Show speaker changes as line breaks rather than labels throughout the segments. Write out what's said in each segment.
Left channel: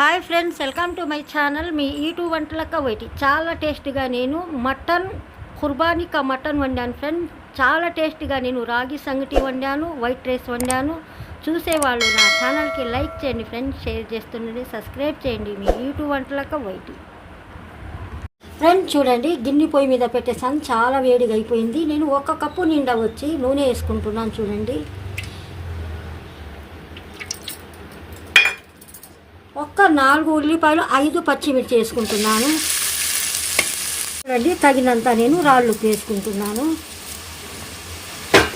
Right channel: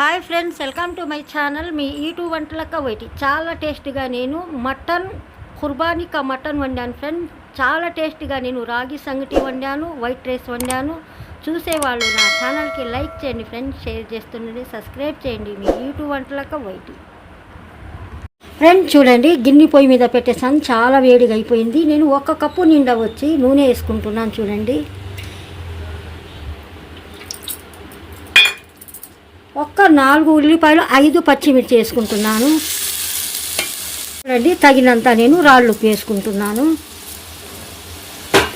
Hi friends welcome to my channel. మీ ఈటు వంటలక్క YT. చాలా టేస్ట్గా నేను మటన్ కుర్బానికా మటన్ వండాను ఫ్రెండ్. చాలా టేస్ట్గా నేను రాగి సంగటి వండాను వైట్ రైస్ వండాను. చూసేవాళ్ళు నా ఛానల్కి లైక్ చేయండి ఫ్రెండ్స్ షేర్ చేస్తుండండి సబ్స్క్రైబ్ చేయండి మీ ఈటు వంటలక్క వైటి. ఫ్రెండ్ చూడండి గిన్నె పొయ్యి మీద పెట్టేసాను చాలా వేడిగా అయిపోయింది. నేను ఒక కప్పు నిండా వచ్చి నూనె వేసుకుంటున్నాను చూడండి. నాలుగు ఉల్లిపాయలు ఐదు పచ్చిమిర్చి వేసుకుంటున్నాను. చూడండి తగినంత నేను రాళ్ళు ఉప్పు వేసుకుంటున్నాను.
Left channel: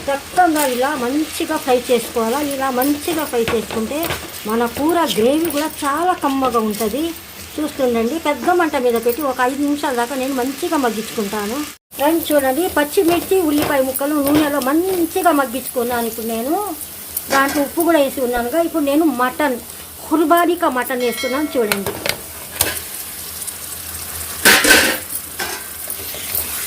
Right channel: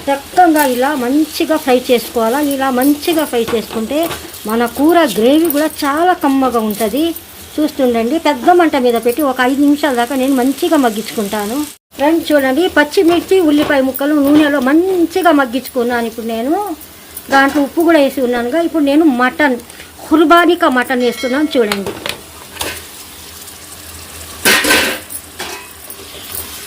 చక్కగా ఇలా మంచిగా ఫ్రై చేసుకోవాలా? ఇలా మంచిగా ఫ్రై చేసుకుంటే మన కూర గ్రేవీ కూడా చాలా కమ్మగా ఉంటుంది. చూస్తుండండి పెద్ద మంట మీద పెట్టి ఒక ఐదు నిమిషాల దాకా నేను మంచిగా మగ్గించుకుంటాను. ఫ్రెండ్స్ చూడండి పచ్చిమిర్చి ఉల్లిపాయ ముక్కలు నూనెలో మంచిగా మగ్గించుకున్నాను. ఇప్పుడు నేను దాంట్లో ఉప్పు కూడా వేసి ఉన్నానుగా. ఇప్పుడు నేను మటన్ కుర్బానికా మటన్ వేస్తున్నాను చూడండి.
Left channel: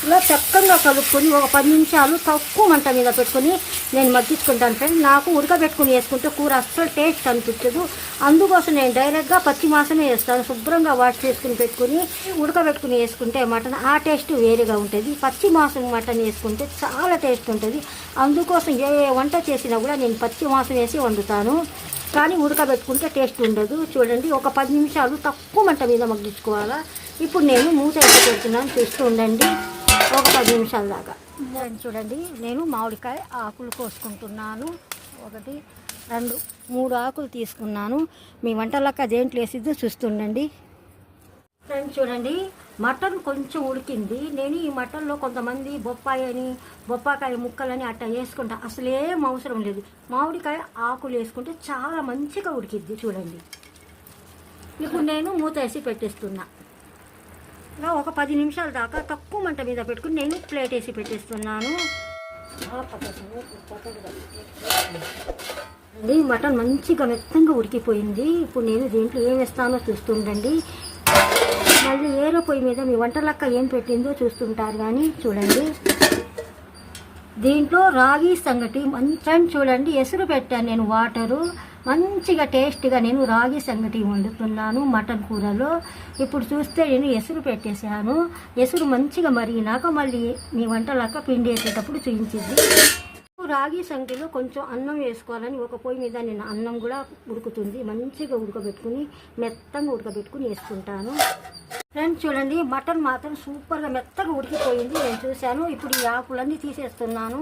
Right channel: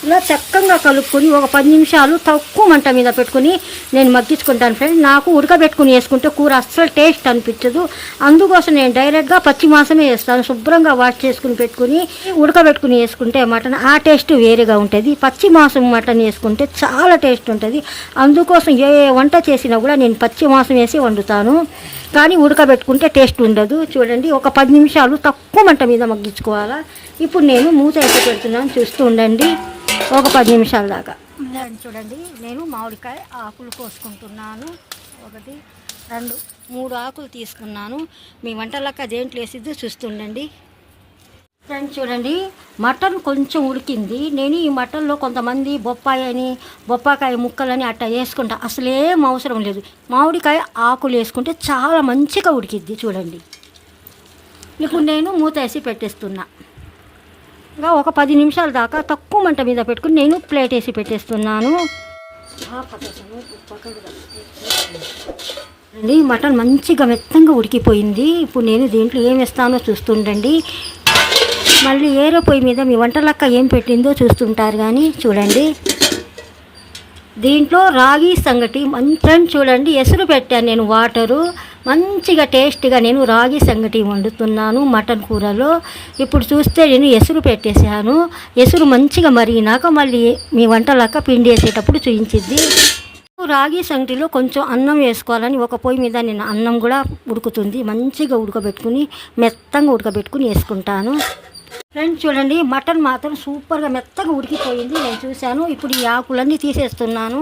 ఇలా చక్కగా కలుపుకొని ఒక పది నిమిషాలు తక్కువ మంట మీద పెట్టుకొని నేను మగ్గించుకుంటాను ఫ్రెండ్ నాకు ఉడకబెట్టుకుని వేసుకుంటే కూర అస్సలు టేస్ట్ అనిపించదు. అందుకోసం నేను డైరెక్ట్గా పచ్చి మాసమే వేస్తాను. శుభ్రంగా వాష్ చేసుకుని పెట్టుకుని ఉడకబెట్టుకుని వేసుకుంటే మటన్ ఆ టేస్ట్ వేరేగా ఉంటుంది. పచ్చి మాసం మటన్ వేసుకుంటే చాలా టేస్ట్ ఉంటుంది. అందుకోసం ఏ వంట చేసినా కూడా నేను పచ్చి మాసం వేసి వండుతాను. కానీ ఉడకబెట్టుకుంటే టేస్ట్ ఉండదు. చూడండి ఒక పది నిమిషాలు తక్కువ మంట మీద మగ్గించుకోవాలా. ఇప్పుడు నేను మూత అయితే పెడుతున్నాను. చూస్తూ ఉండండి. ఒక పది నిమిషాల దాకా. చూడండి. నేను మామిడికాయ ఆకులు కోసుకుంటున్నాను. ఒకటి రెండు మూడు ఆకులు తీసుకున్నాను. మీ వంటలకు అదేంటి వేసిద్దో చూస్తుండండి. ఫ్రెండ్స్ చూడండి. మటన్ కొంచెం ఉడికింది. నేను ఈ మటన్లో కొంతమంది బొప్పాయి అని బొప్పాకాయ ముక్కలని అట్టా వేసుకుంటా. అసలేం అవసరం లేదు. మామిడికాయ ఆకులు వేసుకుంటే చాలా మంచిగా ఉడికిద్ది చూడండి. ఇప్పుడు నేను మూత వేసి పెట్టేస్తున్నా. ఇలా ఒక పది నిమిషాల దాకా తక్కువ మంట మీద పెట్టుకుని నేను ప్లేట్ వేసి పెట్టేస్తున్నాను. అండి మటన్ మంచిగా మెత్తంగా ఉడికిపోయింది. ఇప్పుడు నేను దీంట్లో ఏం వేస్తానో చూస్తుండండి. మళ్ళీ ఏరో పొయ్యి మీద మీ వంటలక్క ఏం పెట్టిందో చూస్తుంటారు కానీ చూడండి. దీంట్లో రాగి సంగటి మంచం చూడండి. ఎసురు పెట్టాను నేను వాటరు. మంచిగా టేస్ట్గా నేను రాగి సంగటి వండుతున్నాను మటన్ కూరలో. ఇప్పుడు చూస్తే నేను ఎసురు పెట్టేశాను. ఎసురు మంచిగా మరిగినాక మళ్ళీ మీ వంటలక్క పిండి వేసేటప్పుడు చూపించింది. రాగి సంగటిలో కొంచెం అన్నం వేసుకోవాలని ఒక పొయ్యి మీద నేను అన్నం కూడా ఉడుకుతుంది. మంచిగా ఉడకబెట్టుకుని మెత్తంగా ఉడకబెట్టుకుని వేసుకుంటాను. ఫ్రెండ్స్ చూడండి మటన్ మాత్రం సూపర్గా మెత్తగా ఉడికిపోయింది. నేను చూశాను ఇప్పుడు ఈ ఆకులన్నీ తీసేస్తున్నాను.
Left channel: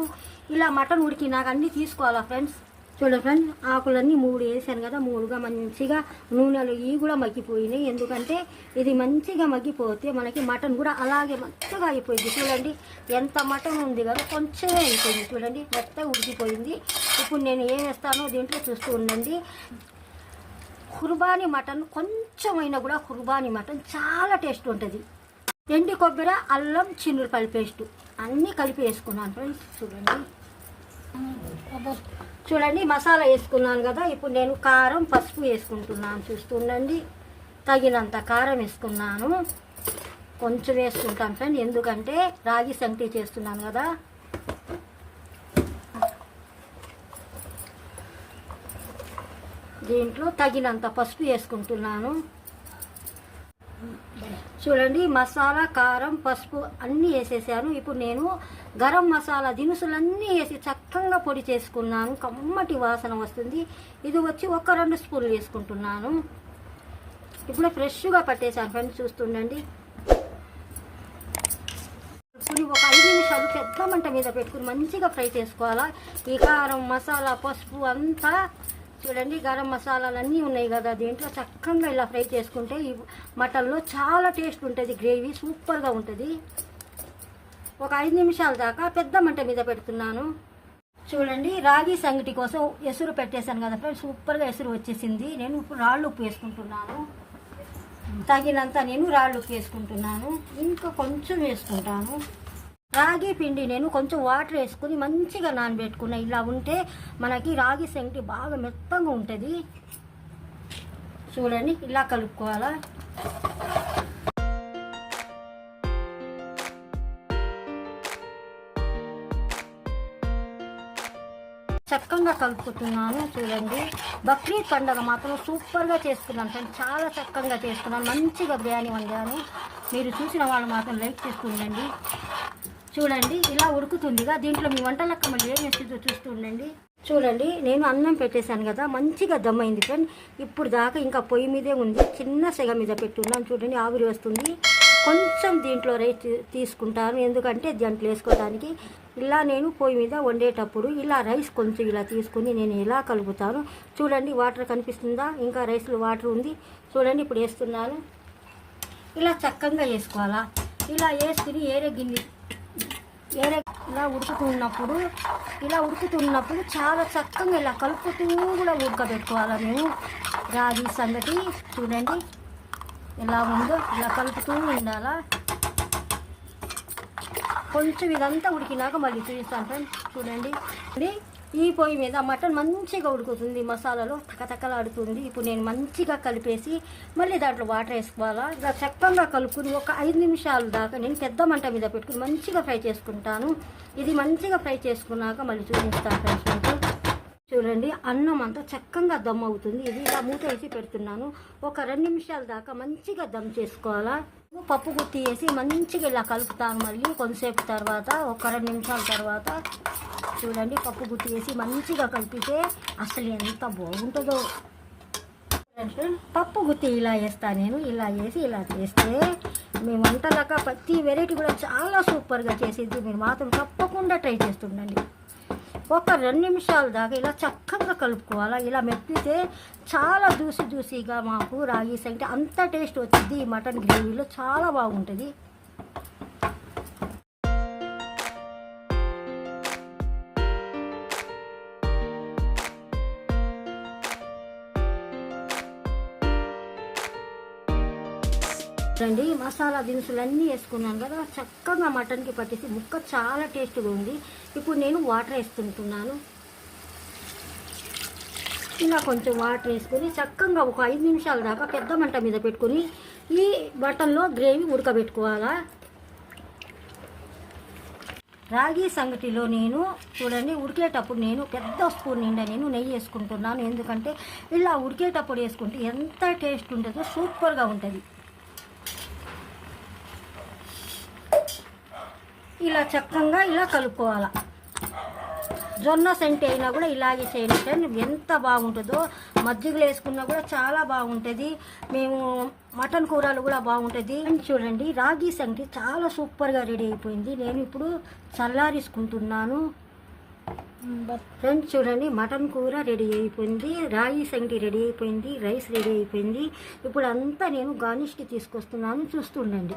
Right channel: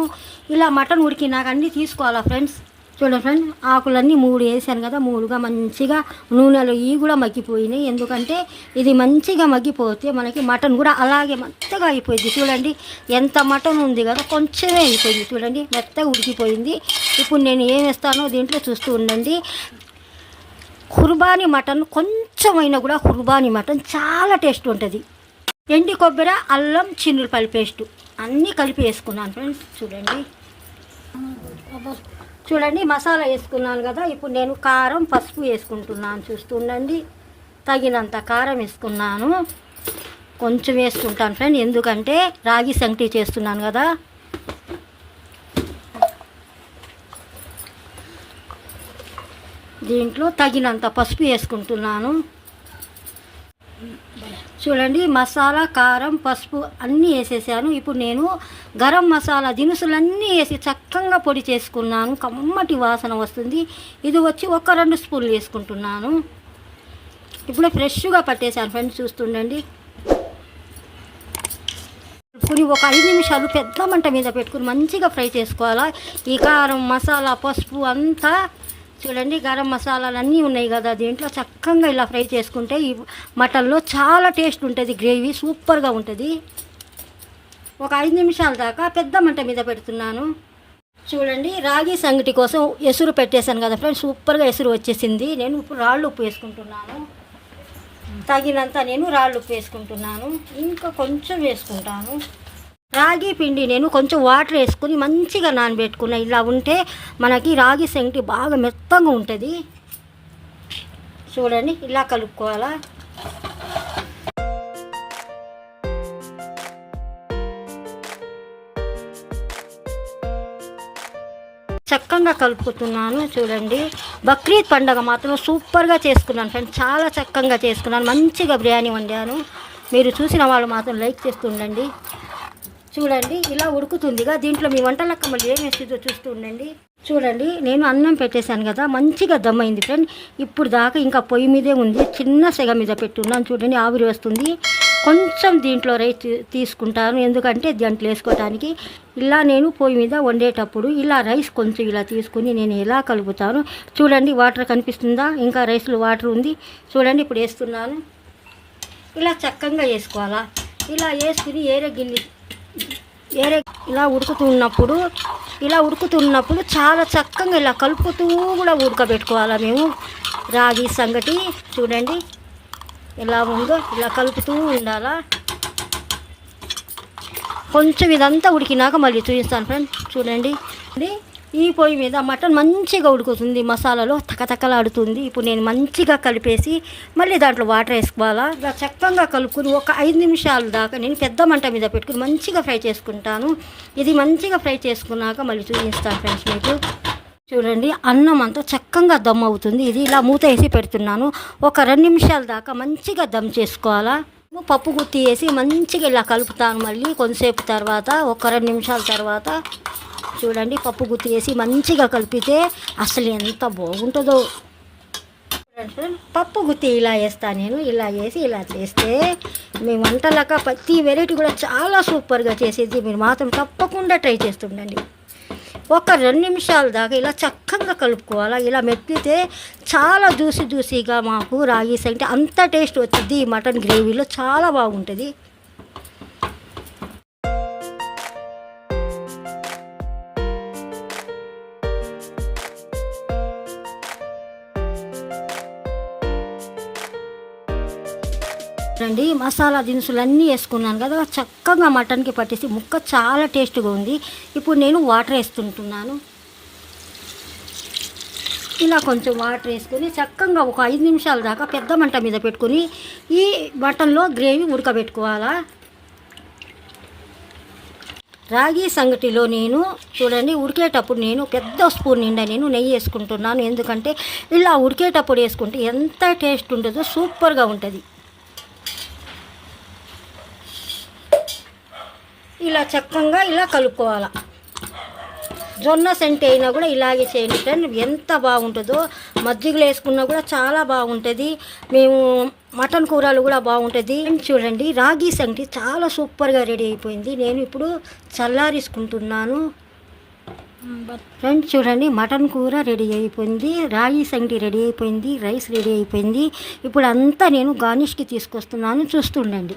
ఇలా మటన్ ఉడికినాక అన్నీ తీసుకోవాలా ఫ్రెండ్స్? చూడండి ఫ్రెండ్స్ ఆకులన్నీ మూడు వేసాను కదా మూడుగా మంచిగా నూనెలో ఇవి కూడా మగ్గిపోయినాయి. ఎందుకంటే ఇది మంచిగా మగ్గిపోతే మనకి మటన్ కూడా అలాగే మెత్తగా అయిపోయింది. చూడండి ఎంత మటన్ ఉంది కదా కొంచెమే అయిపోయింది. చూడండి మెత్తగా ఉడికిపోయింది. ఇప్పుడు నేను ఏం వేస్తానో దీంట్లో చూస్తూ ఉండండి. కుర్బానీ మటన్ కొంచెమైనా కూడా కుర్బానీ మటన్ చాలా టేస్ట్ ఉంటుంది. ఎండి కొబ్బరి అల్లం చిన్నులపల్లి పేస్ట్. అన్నీ కలిపి వేసుకున్నాను ఫ్రెండ్స్ చూడండి. చూడండి మసాలా వేసుకున్నాను కదా. ఇప్పుడు నేను కారం పసుపు వేసుకుంటున్నాను. చూస్తుండండి తగినంత కారం వేసుకున్నాను. కొంచెం వేసుకుంటాను ఫ్రెండ్ ఎందుకంటే రాగి సంగటి చేస్తున్నాను కదా. దీంట్లో తగినంత పసుపు వేసుకుంటున్నాను. చూడండి మసాలా కారం పసుపు అన్నీ వేసేసాను. ఇప్పుడు నేను గరం మసాలా దినుసులన్నీ వేసి చక్కగా పొడి చేసుకున్నాను. కమ్మటి వాసన వస్తుంది. ఇది వచ్చి ఒక రెండు స్పూన్లు వేసుకుంటున్నాను. ఇప్పుడు ఫ్రెష్గా పట్టేశాను ఫ్రెండ్స్ చూస్తుండండి. ఇప్పుడు ఒక ఐదు నిమిషాలు పెద్ద మంట మీద పెట్టుకుని మంచిగా ఫ్రై చేసుకోవాలా. ఈ కారం మసాలా పసుపు అంతా చూడండి గరం మసాలాలు అన్నీ ఉన్నాయి కదా దీంట్లో. చక్కగా ఇలా ఫ్రై చేసుకుంటే ఈ మటన్లో చాలా టేస్ట్ ఉంటుంది గ్రేవీ సూపర్గా ఉంటుంది. ఒక ఐదు నిమిషాల దాకా పెద్ద మంట మీద పెడుతున్నాను. చూడండి రాగి సంగటి కోసం ఎసురు పెట్టేశాను కదా ఫ్రెండ్స్ సూపర్గా ఎసురు వచ్చేసింది. నేను ఇప్పుడు రాళ్ళు ఉప్పు వేసుకుంటున్నాను. తగినంత నేను రాళ్ళు ఉప్పు వేసుకుంటున్నాను. ఇంకా కొంచెం వేసుకుంటాను. రాగి పిండి నేను కొంచెం వాటర్ వేసుకుని మంచిగా నానబెట్టుకున్నా. ఇలా ఉంటే మనకి రాగి శంటి బాగా మెత్తగా ఉంటుంది. చూడండి ఇలా కలుపుకోవాలా? చక్కగా కలుపుతున్నాను చూడండి. బక్రీద్ పండగ మాత్రం సూపర్గా చేసుకున్నాను ఫ్రెండ్స్. చాలా చక్కగా చేసుకున్నాను. మంచిగా బిర్యానీ వండాను. మీరు చూసిన వాళ్ళు మాత్రం లైక్ చేస్తుండండి చూడండి ఇలా ఉడుకుతుందిగా. దీంట్లో మీ వంట మళ్ళీ ఏం వేస్తుందో చూస్తూ ఉండండి. చూడండి నేను అన్నం పెట్టేశాను కదా మంచిగా దమ్మైంది ఫ్రెండ్. ఇప్పుడు దాకా ఇంకా పొయ్యి మీదే ఉంది చిన్న సెగ మీద పెట్టున్నాను చూడండి ఆవిరి వస్తుంది. కొంచెం దీంట్లో రైస్ తీసుకుంటాను ఎందుకంటే దాంట్లో వేసుకోవడానికి ఇలా నేను పొయ్యి మీద వండేటప్పుడు ఇలా రైస్ కొంచెం ఇలా తీసుకుని నేను ఎలా కలుపుతాను చూడండి వాటర్ కనిపిస్తుందా? ఇంకా రైస్లో వాటర్ ఉంది. చూడండి ఇప్పుడు వేస్తున్నాను. ఇలా చక్కగా వేసుకోవాలా? ఇలా వేసుకుని ఏరే గిన్నె వేరే ఇలా ఉడుకుతున్నప్పుడు ఇలా ఉడుకుతున్నప్పుడు చాలా చక్కగా ఇలా కలుపుతూ కూడా ఉడకబెట్టుకోవాలా మేము. రాగి సంగటి చూడండి. ఎలా ఉందో ఇలా కలుపుతూ ఉండాలా. కొంచెం ఇదంతా ఉడికినాక మళ్ళీ చూపిస్తాను ఫ్రెండ్. చూడండి. ఈ పొయ్యి మీద మటన్ మంచిగా ఉడుకుతుంది మసాలాలో తకతకలాడుతుంది. ఇప్పుడు నేను మంచిగా కలిపేసి మళ్ళీ దాంట్లో వాటర్ వేసుకోవాలా? ఇలా చక్కగా కలుపుకుని ఒక ఐదు నిమిషాల దాకా నేను పెద్ద మంట మీద పెట్టుకుని మంచిగా ఫ్రై చేసుకుంటాను. ఇది మంచిగా ఫ్రై చేసుకున్నాక మళ్ళీ చూపిస్తాను ఫ్రెండ్స్ మీకు. చూడండి అన్నం అంతా చక్కగా దమ్ అవుతుంది. ఇది ఇలా మూత వేసి పెడుతున్నాను. ఒక రెండు నిమిషాల దాకా మంచిగా దమ్ చేసుకోవాలా? పప్పు గుత్తి వేసి మంచిగా ఇలా కలుపుతాను మళ్ళీ. కొంతసేపు తర్వాత ఒక రెండు నిమిషాల తర్వాత చూడండి పప్పు గుత్తి వేసి మంచిగా కలిపితే అసలు ఎంత బాగుంటుందో. పప్పు గుత్తి ఇలా వేస్తాను నేను ఇలా వేసి ఇలా చేస్తే మీ వంటలక ప్రతి వెరైటీ కూడా చాలా సూపర్గా చేసేది. మీరు మాత్రం తప్పకుండా ట్రై చేస్తుండండి ఒక రెండు నిమిషాల దాకా ఇలా చక్కగా కలుపుకోవాలా? ఇలా మెత్తితే చాలా జ్యూసీ జ్యూసీగా మాకు రాగి సంగటి అంత టేస్ట్ వచ్చింది ఈ మటన్ గ్రేవీలో చాలా బాగుంటుంది. రండి మసాలా దినుసులు అన్నీ వేసుకున్నాను కదా చక్కగా మటన్కి పట్టేసి ముక్క చాలా టేస్ట్గా ఉంది. ఇప్పుడు నేను వాటర్ వేస్తుంటున్నాను. ఇలా కొంచెం వాటర్ వేసుకొని చక్కగా ఒక ఐదు నిమిషాల దాకా పెద్ద మంట మీద పెట్టుకొని ఈ మటన్లో గ్రేవీ ఉడకబెట్టుకోవాలా. రాగి సంగటిలో నేను చూడండి ఉడికేటప్పుడు నేను పెద్ద స్పూన్ నిండా నేను నెయ్యి వేసుకుంటున్నాను. ఎందుకంటే ఇలా ఉడికేటప్పుడు వేసుకుంటే ఎంత టేస్ట్ ఉంటుందో సూపర్గా ఉంటుంది. ఇలా చక్కగా ఇలా కలుపుకోవాలి. జొన్న సెంట్ అయినా కూడా ఇలాగే చేయండి ఫ్రెండ్. ఎంత బాగుంటుందో మజ్జిగలో వేసుకున్నా కూడా చాలా బాగుంటుంది. మేము మటన్ కూరలు కూడా బాగుంటుంది. చూడండి రాగి సంగటి చాలా సూపర్గా రెడీ అయిపోయింది. నేను ఇప్పుడు చల్లారేసుకుంటున్నాను. ఫ్రెండ్స్ చూడండి మటన్ కూర రెడీ అయిపోయింది. రాగి సంగటి రెడీ అయిపోయింది. రైస్ రెడీ అయిపోయింది. ఇప్పుడు అంతా నేను గార్నిష్కి తీసుకొస్తున్నాను. చూస్తుండండి.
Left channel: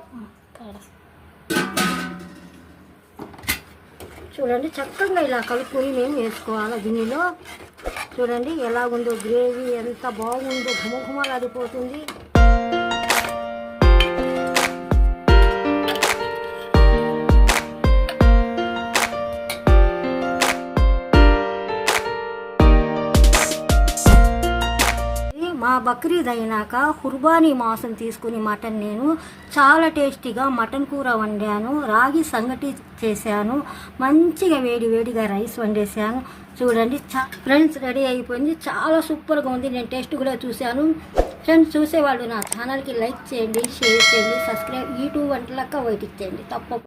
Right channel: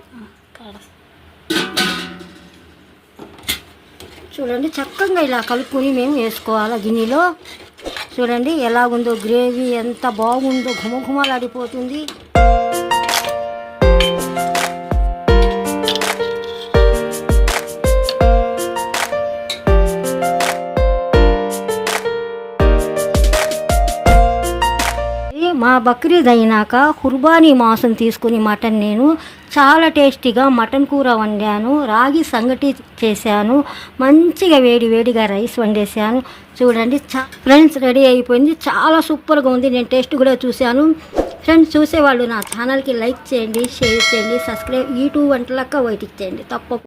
చూడండి చక్కగా ఇలా కలుపుకొని మేము వేసుకోవాలి గిన్నెలో. చూడండి ఎలా ఉందో గ్రేవీ ఎంత బాగుందో ఘుమఘుమలాడిపోతుంది. బక్రీద్ అయినాక కుర్బానీ మాంసం తీసుకుని మటన్ నేను చాలా టేస్టీగా మటన్ కూర వండాను రాగి సంగటి చేశాను మంచిగా వేడి వేడిగా రైస్ వండేసాను చూడండి చా ఫ్రెండ్స్ రెడీ అయిపోయింది. చాలా సూపర్గా ఉంది. నేను టేస్ట్ కూడా చూశాను. ఫ్రెండ్స్ చూసేవాళ్ళు నా ఛానల్కి లైక్ చేయండి షేర్ చేయండి సబ్స్క్రైబ్ యూట్యూబ్ వంటలక్క వైట్ ఇచ్చేయండి తప్పకుండా.